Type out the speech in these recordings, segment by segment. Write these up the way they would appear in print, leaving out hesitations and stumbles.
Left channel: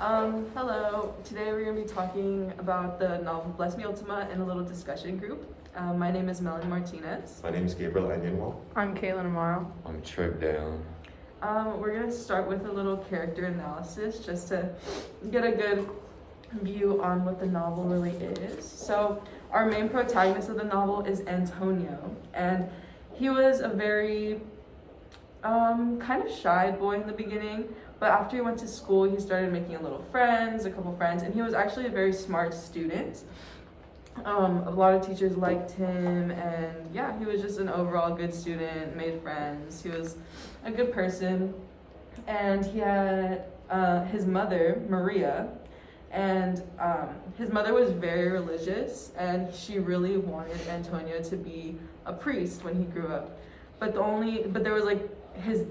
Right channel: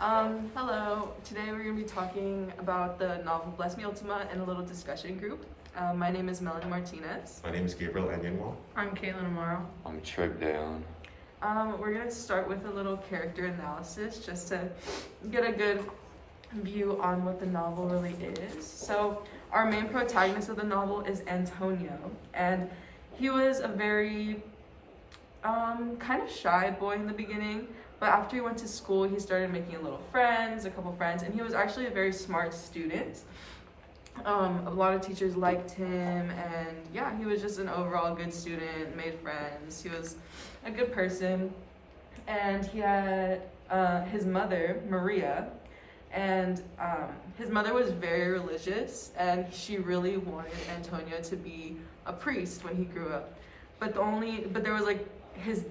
Hello. Today we're going to be talking about the novel Bless Me Ultima in a little discussion group. My name is Melanie Martinez. My name is Gabriel Anyenwal. I'm Caitlin Amaro. I'm Trip Dalen. We're going to start with a little character analysis just to get a good view on what the novel really is. So our main protagonist of the novel is Antonio, and he was a very kind of shy boy in the beginning, but after he went to school, he started making a couple friends, and he was actually a very smart student. A lot of teachers liked him, and yeah, he was just an overall good student, made friends. He was a good person, and he had his mother, Maria, and his mother was very religious, and she really wanted Antonio to be a priest when he grew up. But there was his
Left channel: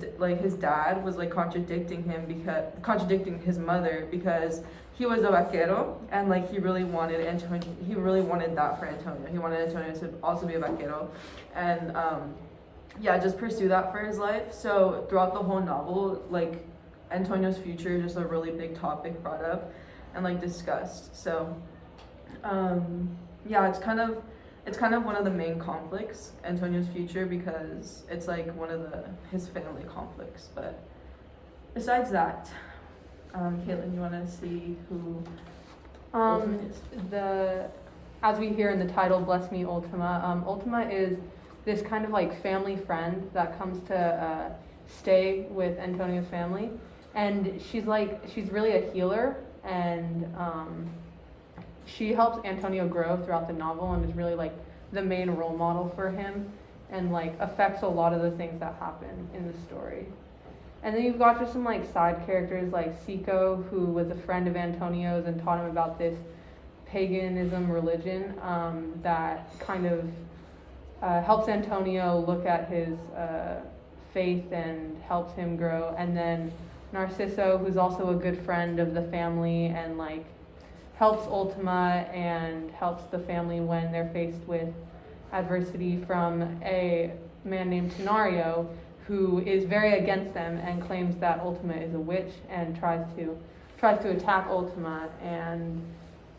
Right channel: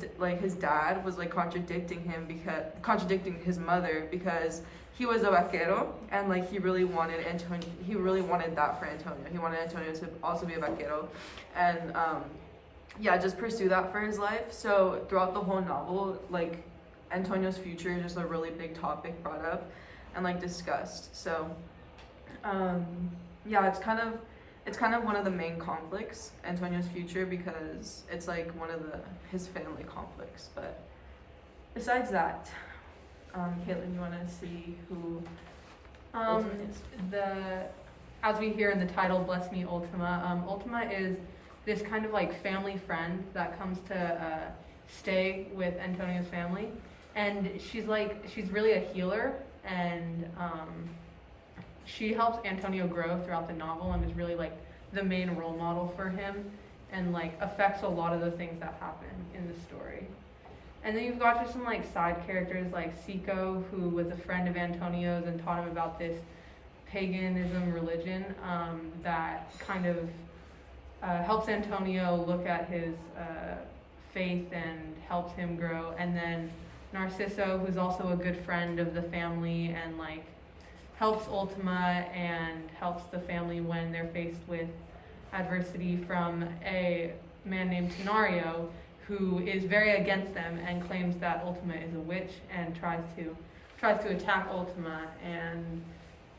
dad was contradicting his mother, because he was a vaquero, and he really wanted that for Antonio. He wanted Antonio to also be a vaquero, and just pursue that for his life. So throughout the whole novel, Antonio's future is just a really big topic brought up and discussed. So it's kind of one of the main conflicts, Antonio's future, because it's one of his family conflicts. But besides that, Caitlin, you want to see who Ultima is? As we hear in the title, Bless Me Ultima, Ultima is this kind of family friend that comes to stay with Antonio's family, and she's really a healer, and she helps Antonio grow throughout the novel and is really the main role model for him, and affects a lot of the things that happen in the story. And then you've got just some side characters like Seco, who was a friend of Antonio's and taught him about this paganism religion that kind of helps Antonio look at his faith and helps him grow. And then Narciso, who's also a good friend of the family and helps Ultima and helps the family when they're faced with adversity from a man named Tenario, who is very against them and claims that Ultima is a witch and tries to attack Ultima, and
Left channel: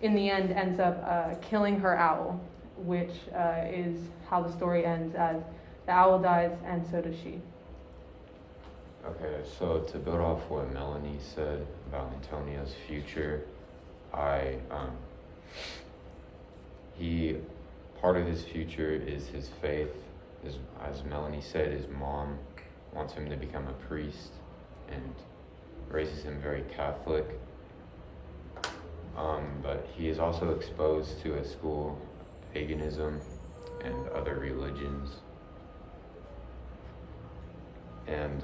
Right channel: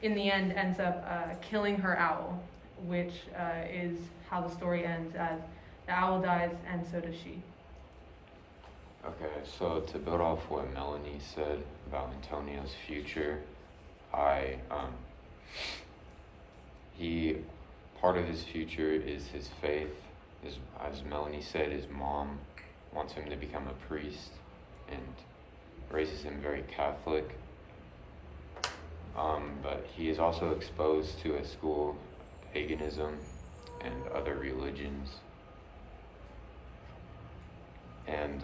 in the end ends up killing her owl, which is how the story ends, as the owl dies and so does she. Okay, so to build off what Melanie said about Antonio's future, part of his future is his faith. As Melanie said, his mom wants him to become a priest and raises him very Catholic. But he is also exposed to at school paganism and other religions. And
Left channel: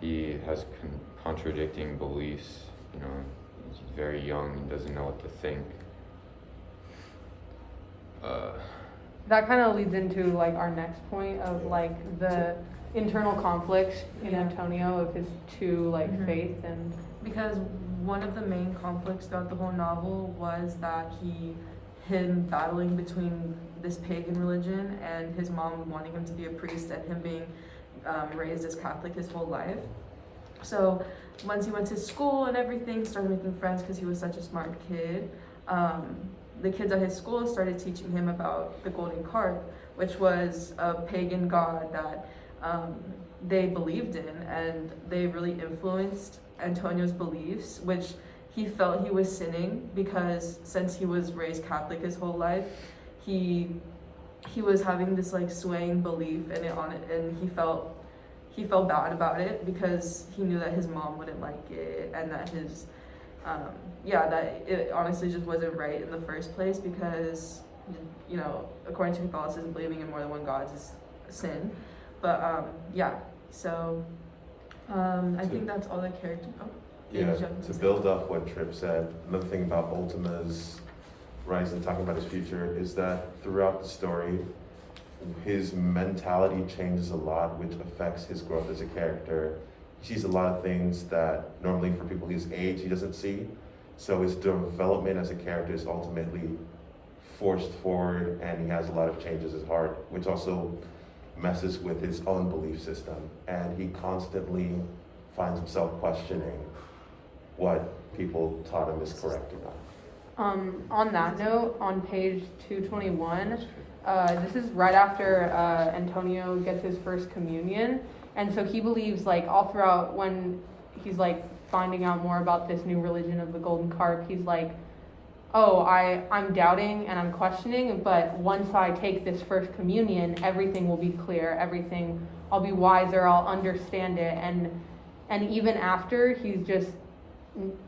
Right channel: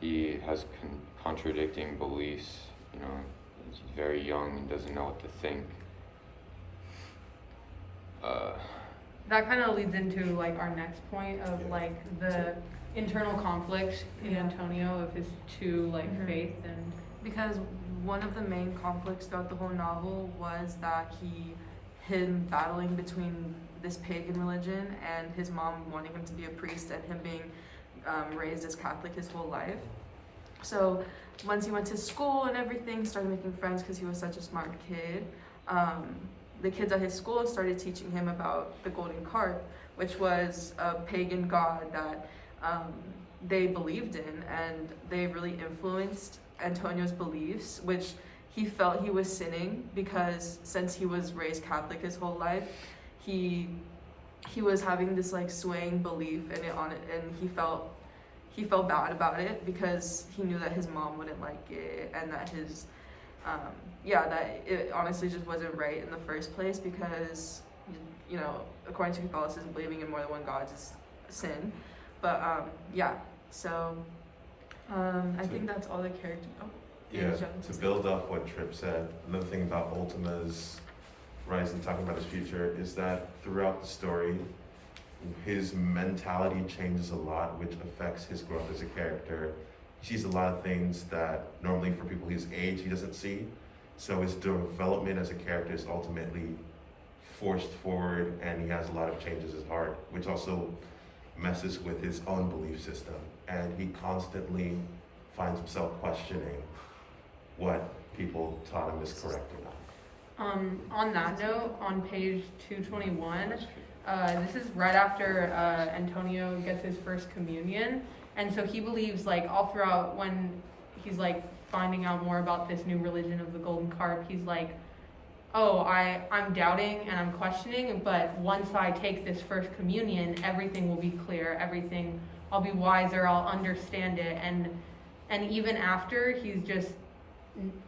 he has contradicting beliefs. He's very young and doesn't know what to think. That kind of leads into our next point of the internal conflict in Antonio of his two faith, and because one of the main conflicts throughout the whole novel was that him battling between this pagan religion and his mom wanting him to be a priest, and him being raised as Catholic his whole life. So once he went to school and everything, started making friends because he was such a smart kid. The kids at his school started teaching him about the golden carp, which was a pagan god that they believed in, and they really influenced Antonio's beliefs, which he felt he was sinning, because since he was raised Catholic his whole life, he was having this swaying belief in it, and he felt bad about it because he knew that his mom wouldn't like it, and that that it honestly just wasn't right in the first place, because according to Catholicism, believing in more than one god is a sin. But I think that's all the character. To build off what Trip said, another thing about Ultima's rise and talking about his future is that throughout the story, his mentality changes a lot, which affects his growth as a character. He sees a lot of things that normally for people his age he doesn't see. So his development as a character is ultimately forced forward, and he has a lot of changes in his heart, which also messes with his own belief system. And he constantly finds himself questioning what people taught him is correct or not. On that note, on page 221, this is right after Antonio gets his first communion, and so he believes, like, all throughout when he's like finding out more about this new religion of the golden carp, he's like, oh, I'm doubting and I'm questioning, but once I take this first communion, everything will be clear, everything, I'll be wiser, I'll understand it, and even after,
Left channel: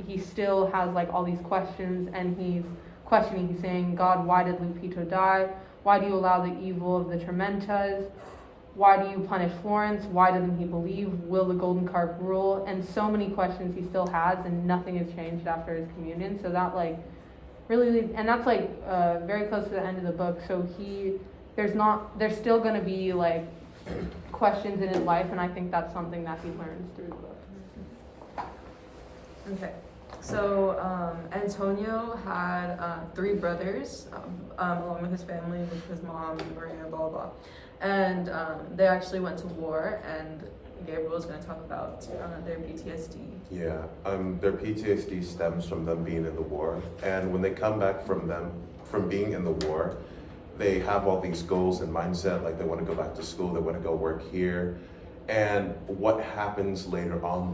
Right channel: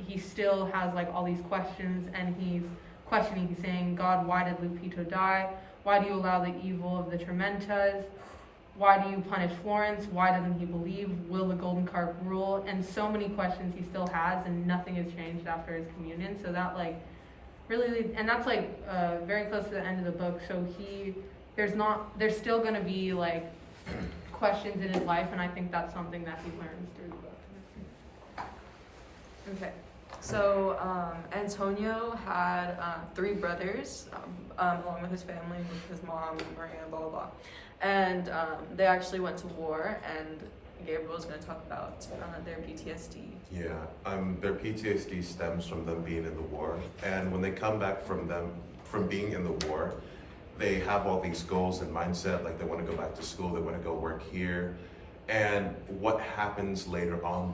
he still has like all these questions, and he's questioning, he's saying, God, why did Lupito die? Why do you allow the evil of the Tormentas? Why do you punish Florence? Why doesn't he believe? Will the golden carp rule? And so many questions he still has, and nothing has changed after his communion. So that like really, and that's like very close to the end of the book. So there's still going to be like questions in his life, and I think that's something that he learns through the book. Okay, so Antonio had 3 brothers, along with his family, with his mom, Maria, blah, blah, blah. And they actually went to war, and Gabriel is going to talk about their PTSD. Yeah, their PTSD stems from them being in the war, and when they come back from being in the war, they have all these goals and mindset, like they want to go back to school, they want to go work here. And what happens later on,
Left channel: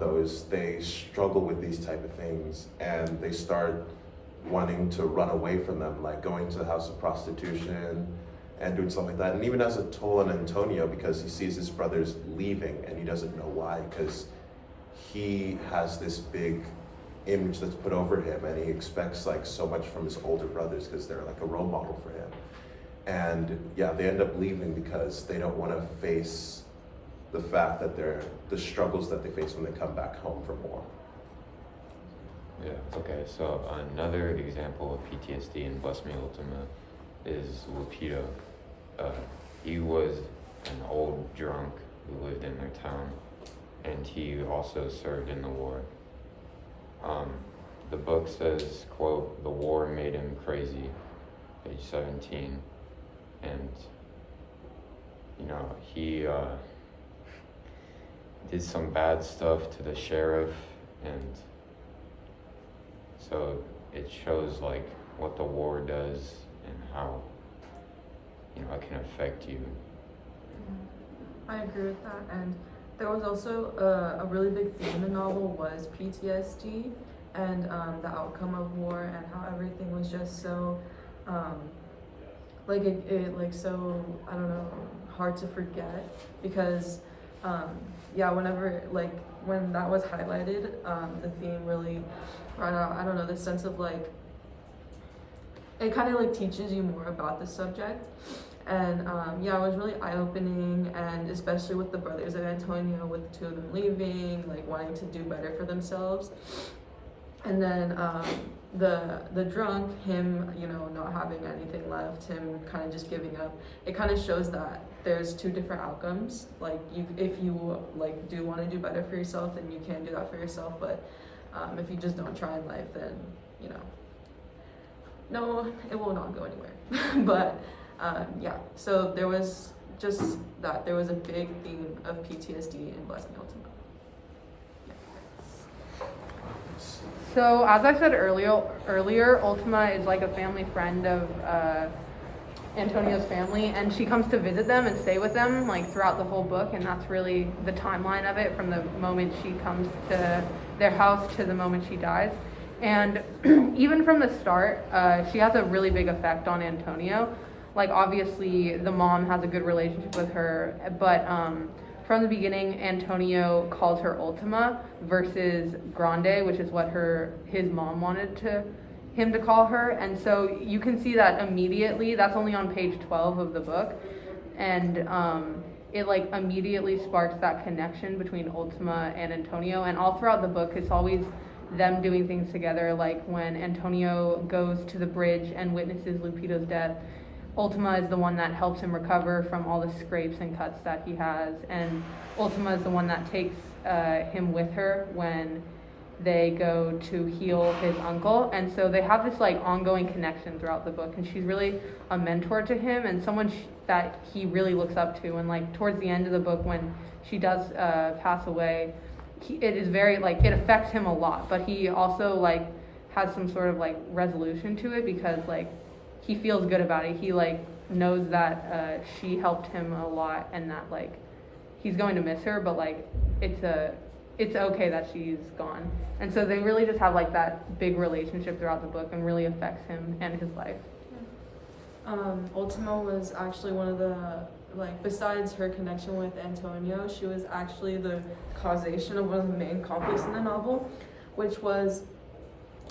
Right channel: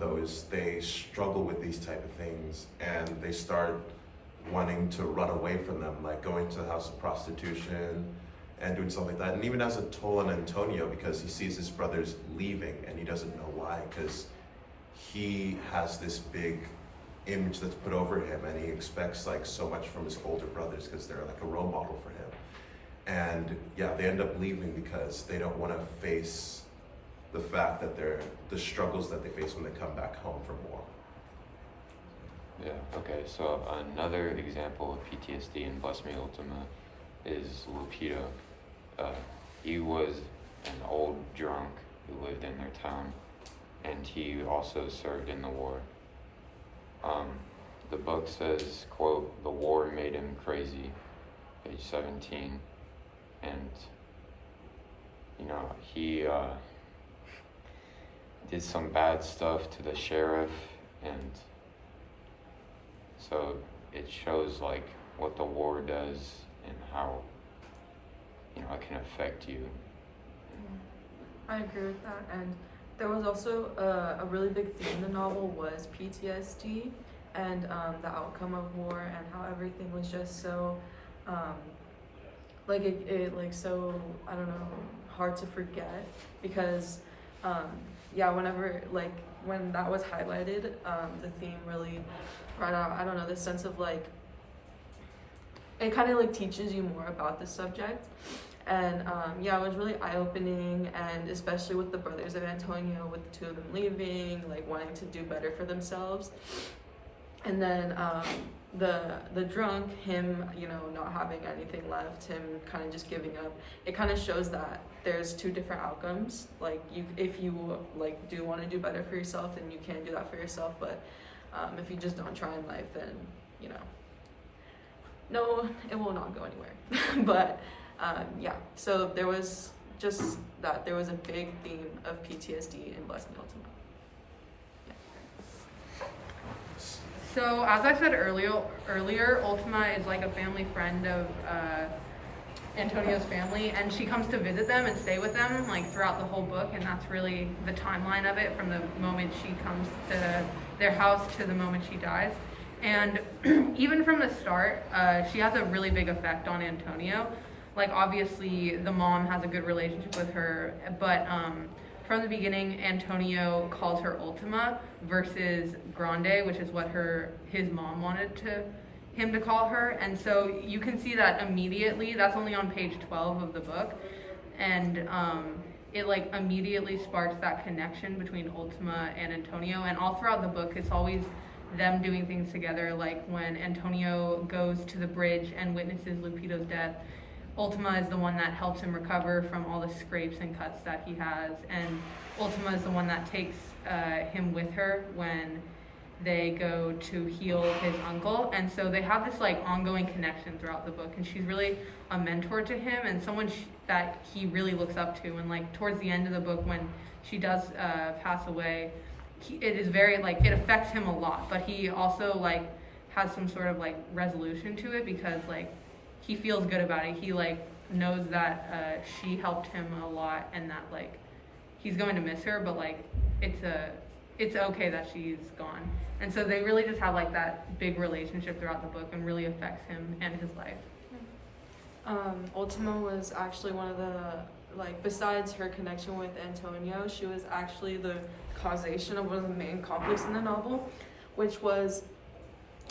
they struggle with these type of things, and they start wanting to run away from them, like going to the house of prostitution and doing something like that. And even as a toll on Antonio, because he sees his brothers leaving and he doesn't know why, because he has this big image that's put over him, and he expects like so much from his older brothers because they're like a role model for him. And yeah, they end up leaving because they don't want to face the fact that the struggles that they face when they come back home from war. Yeah, okay, so another example of PTSD in Bless Me Ultima is Lupito. He was an old drunk who lived in their town, and he also served in the war. The book says, quote, "The war made him crazy," page 17, and, you know, he did some bad stuff to the sheriff, and so it shows like what the war does and how, you know, it can affect you. I agree with that, and there was also a really big theme in the novel was PTSD and the outcome of war, and how everything was just so like it like so, I don't know, hard to forget, because yeah, whenever like when that was highlighted, the theme really brought out, I don't know, this sense of like, it kind of like teaches you more about the subject. And yeah, it was really eye-opening, and especially with the brothers of Antonio, with the 2 of them leaving, like wanting to do better for themselves. And then the drunk, him, you know, not having anything left, him kind of just giving up. It kind of shows that there's 2 different outcomes. Like if you like do want to do better for yourself, then you can do that for yourself. But if you just don't try in life, then, you know, no, it will not go anywhere. But yeah, so there was just that. There was a big theme of PTSD in Bless Me Ultima. So as I said earlier, Ultima is like a family friend of Antonio's family, and she comes to visit them and stay with them like throughout the whole book, and that's really the timeline of it, from the moment she comes to their house to the moment she dies. And even from the start, she has a really big effect on Antonio. Like, obviously the mom has a good relationship with her, but from the beginning, Antonio calls her Ultima versus Grande, which is what his mom wanted him to call her. And so you can see that immediately. That's only on page 12 of the book, and it like immediately sparks that connection between Ultima and Antonio. And all throughout the book, it's always them doing things together. Like when Antonio goes to the bridge and witnesses Lupito's death, Ultima is the one that helps him recover from all the scrapes and cuts that he has, and Ultima is the one that takes him with her when they go to heal his uncle. And so they have this like ongoing connection throughout the book, and she's really a mentor to him and someone that he really looks up to. And like towards the end of the book, when she does pass away, it is very, like, it affects him a lot, but he also, like, has some sort of, like, resolution to it because, like, he feels good about it. He, like, knows that she helped him a lot and that, like, he's going to miss her, but, like, it's okay that she's gone. And so they really just have, like, that big relationship throughout the book and really affects him and his life. Ultima was actually one of the, like, besides her connection with Antonio, she was actually the causation of one of the main conflicts in the novel, which was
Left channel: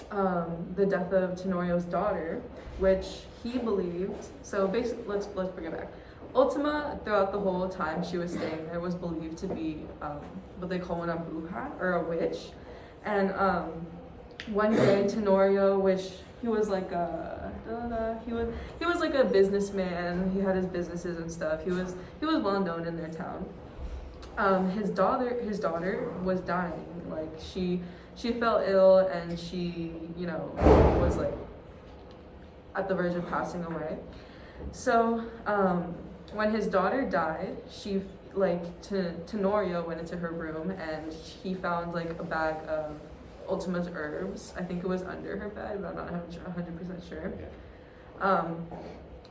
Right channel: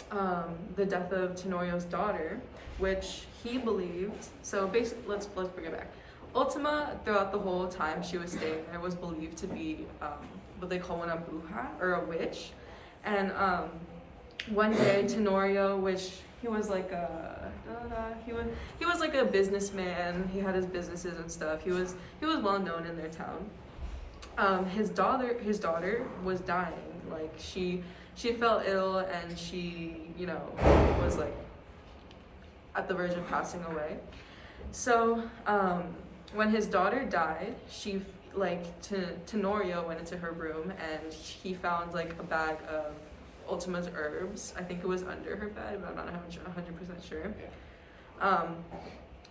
the death of Tenorio's daughter, which he believed. So basically, let's bring it back. Ultima, throughout the whole time she was staying there, was believed to be what they call una bruja, or a witch. And one day, Tenorio, which he was like he was like a businessman. He had his businesses and stuff. He was well known in their town. His daughter was dying. Like she fell ill and she, you know, was like at the verge of passing away. So when his daughter died, she, like, Tenorio went into her room and he found like a bag of Ultima's herbs. I think it was under her bed, but I'm not 100% sure.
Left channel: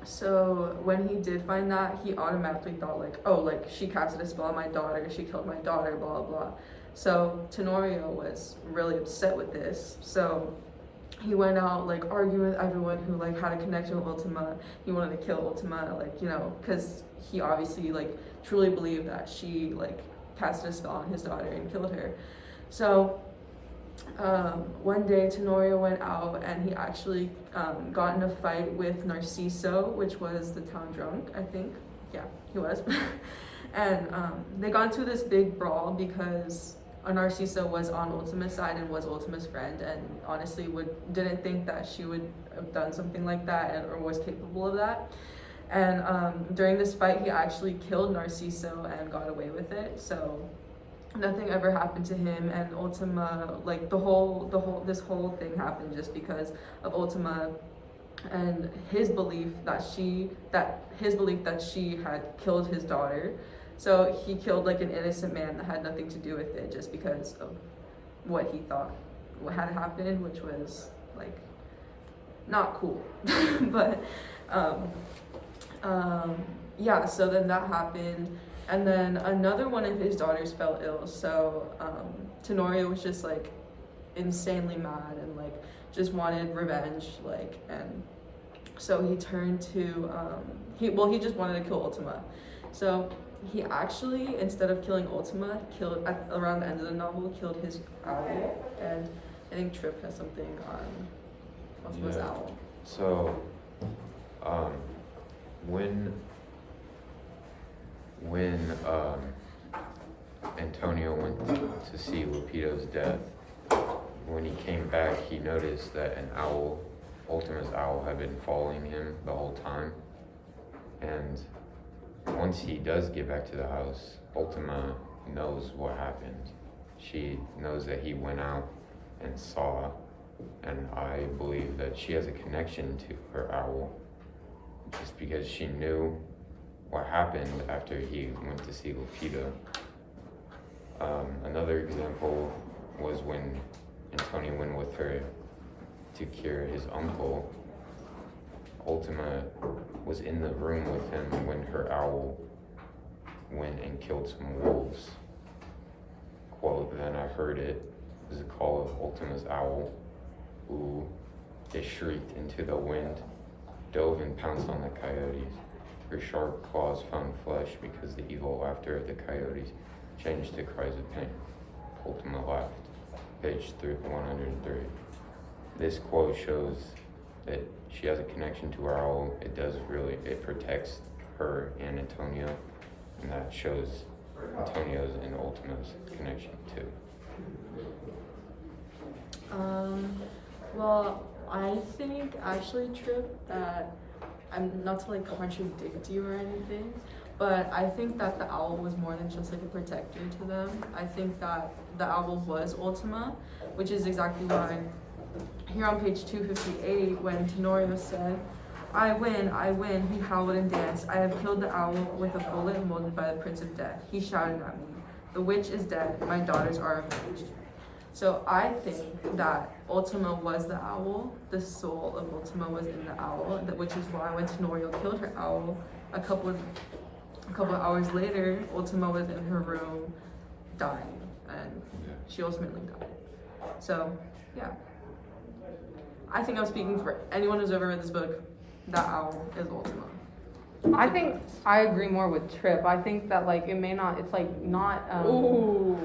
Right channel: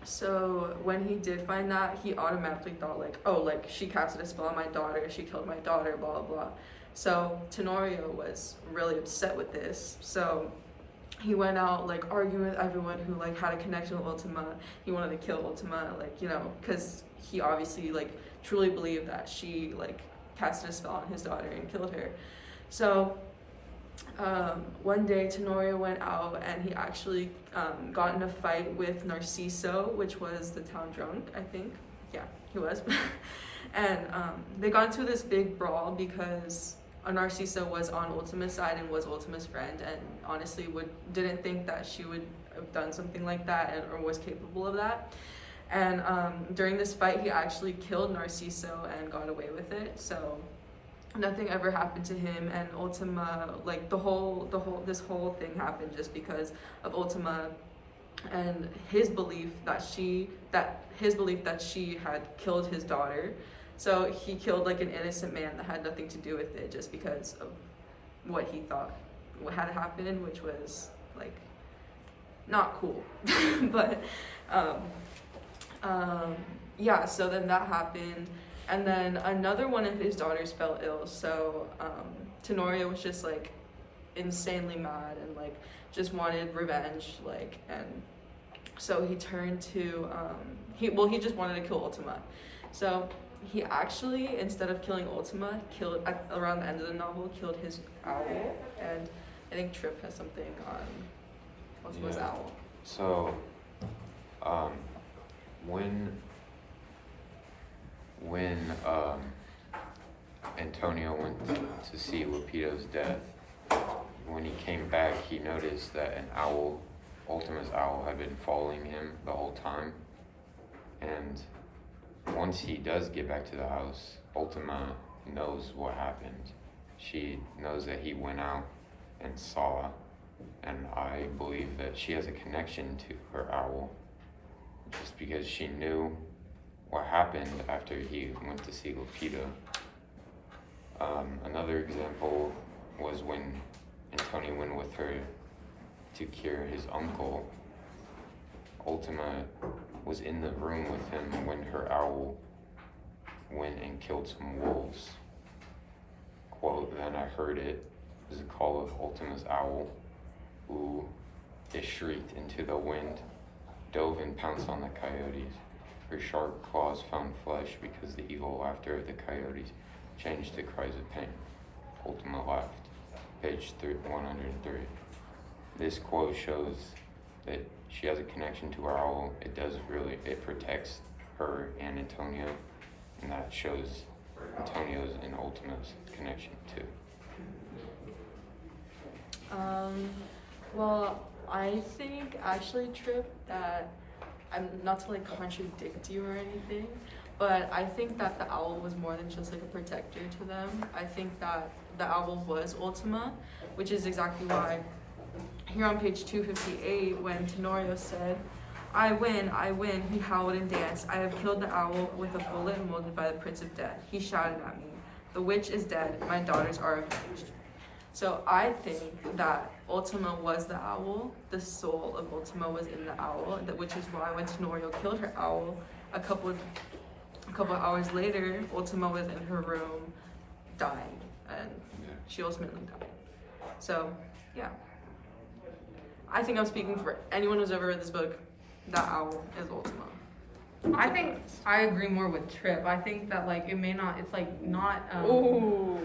So when he did find that, he automatically thought like, oh, like she casted a spell on my daughter, she killed my daughter, blah, blah, blah. So Tenorio was really upset with this. So he went out like arguing with everyone who like had a connection with Ultima. He wanted to kill Ultima, like, you know, because he obviously like truly believed that she like casted a spell on his daughter and killed her. So one day Tenorio went out and he actually got in a fight with Narciso, which was the town drunk, I think. Yeah, he was. And they got into this big brawl because Narciso was on Ultima's side and was Ultima's friend, and honestly didn't think that she would have done something like that or was capable of that. And during this fight, he actually killed Narciso and got away with it. So nothing ever happened to him, and Ultima, like this whole thing happened just because of Ultima and his belief that she had killed his daughter. So he killed like an innocent man that had nothing to do with it just because of what he thought what had happened, which was like not cool. But yeah, so then that happened. And then another one of his daughters fell ill, so Tenorio was just like insanely mad and like just wanted revenge, like, and so he turned to he just wanted to kill Ultima. So he actually, instead of killing Ultima, around the end of the novel, killed his owl. And I think Tripp has something on Ultima's owl. So when Antonio went to see Rapido's death, when he came back, he noticed that an owl, Ultima's owl, had been following him the whole time. And once he does get back to the house, Ultima knows what happened. She knows that he went out and saw, and I believe that she has a connection to her owl just because she knew what happened after he went to see Lupita. Another example was when Antonio went with her to cure his uncle. Ultima was in the room with him when her owl went and killed some wolves. Quote, "Then I heard it, is the call of Ultima's owl. Ooh, it shrieked into the wind, dove and pounced on the coyotes. Her sharp claws found flesh because the evil laughter of the coyotes changed to cries of pain. Ultima laughed." Page 103. This quote shows that she has a connection to her owl. It protects her and Antonio, and that shows Antonio's and Ultima's connection too. Well, I think actually, Tripp, that I'm not to like contradict you or anything, but I think that the owl was more than just like a protector to them. I think that the owl was Ultima, which is exactly why here on page 258, when Tenorio said, I win, he howled and danced. I have killed the owl with a bullet molded by the Prince of Death. He shouted at me, The witch is dead. My daughters are avenged. So I think that Ultima was the owl. The soul of Ultima was in the owl, which is why when Tenorio killed her owl, a couple hours later, Ultima was in her room dying, and she ultimately died. So, yeah. I think I'm speaking for anyone who's ever read this book. That owl is Ultima. I think I agree more with Trip. I think that like it may not. It's like not. Ooh.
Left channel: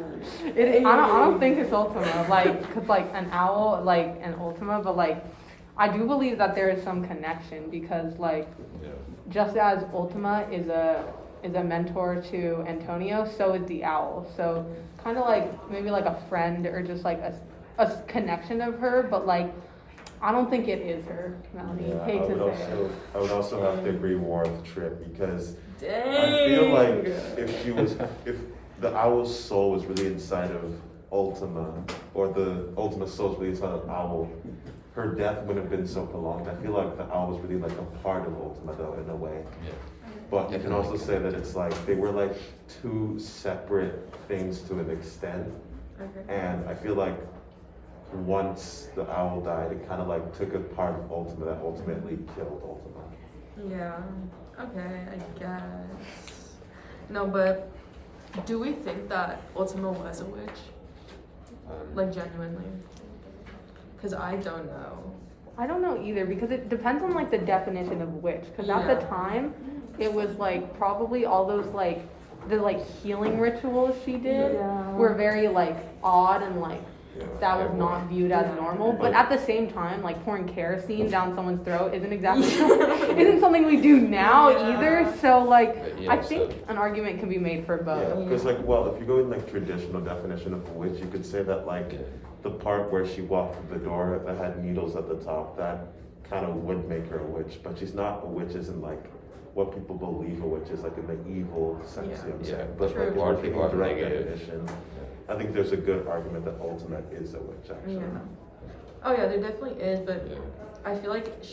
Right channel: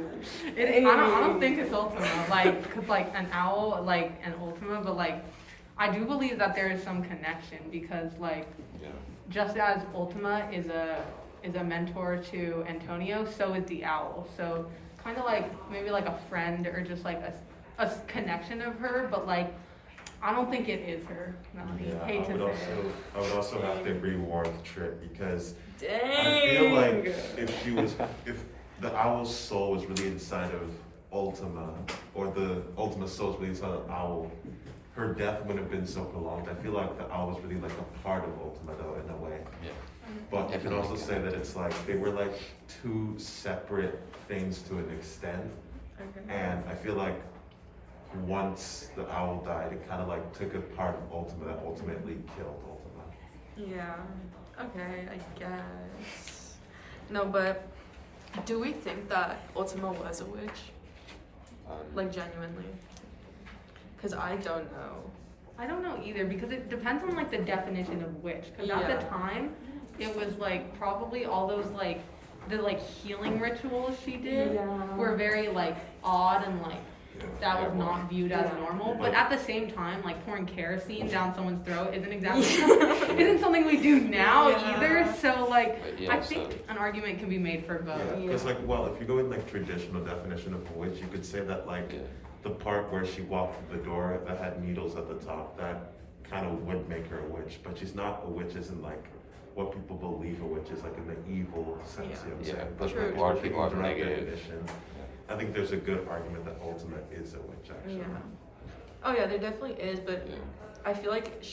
I don't think it's Ultima. Like, cause like an owl, like an Ultima, but like I do believe that there is some connection because like just as Ultima is a mentor to Antonio, so is the owl. So kind of like maybe like a friend or just like a connection of her, but like I don't think it is her. Melanie. Yeah, Hate to say it. I would also have to agree more with Trip because Dang. I feel like if the owl's soul was really inside of Ultima, or the Ultima soul was really inside of Owl, her death wouldn't have been so prolonged. I feel like the owl was really like a part of Ultima though, in a way. Yeah. But you can also say that it's like they were like two separate things to an extent. Okay. And I feel like once the owl died, it kind of like took a part of Ultima that ultimately killed Ultima. Yeah. Okay, I guess. No, but do we think that Ultima was a witch? Like genuinely? Because I don't know. I don't know either because it depends on like the definition of witch. Because at the time, it was like probably all those like the like healing rituals she did were very like odd and like that was not viewed as normal. But at the same time, like pouring kerosene down someone's throat isn't exactly isn't something we do now either. So like I think an argument can be made for both. Yeah, because like well, if you go in like traditional definition of a witch, you could say that like the part where she walked through the door that had needles at the top, that kind of would make her a witch. But she's not a witch, isn't like what people believe a witch is, like in the evil sense. You know what I'm saying? But True. like Or in people are direct negative. definition, I think there's a good argument that Ultima is a witch actually. Yeah. Oh yeah, there definitely is, but I feel like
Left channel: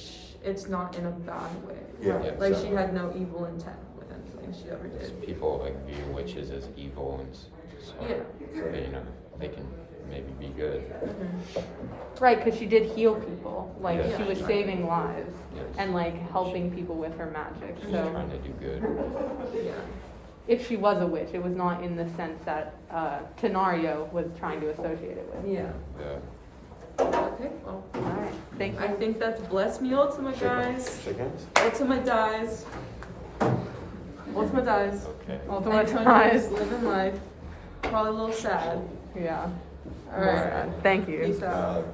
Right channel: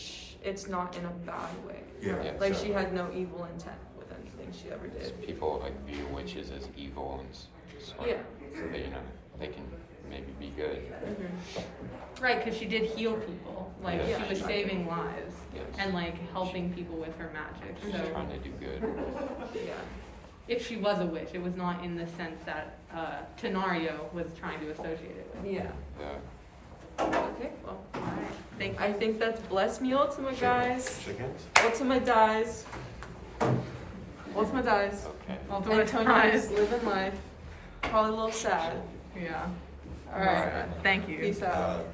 it's not in a bad way. Yeah. Like so- she had no evil intent with anything she ever Because did. people like view witches as evil and sort of, you know, they can maybe be good. Right, because she did heal people. Like Yeah. she was saving lives Yes. and like helping people with her magic. She's So trying to do good. Yeah. if she was a witch, it was not in the sense that Tenario was trying to associate it with. Yeah. Yeah. Okay, well, Thank I you. think that's Bless Me Ultima, guys. Shake hands. Ultima dies. Ultima dies. Okay. Ultima Antonio is dies. living life. Probably a little sad. Yeah. All right. Thank you. Peace out.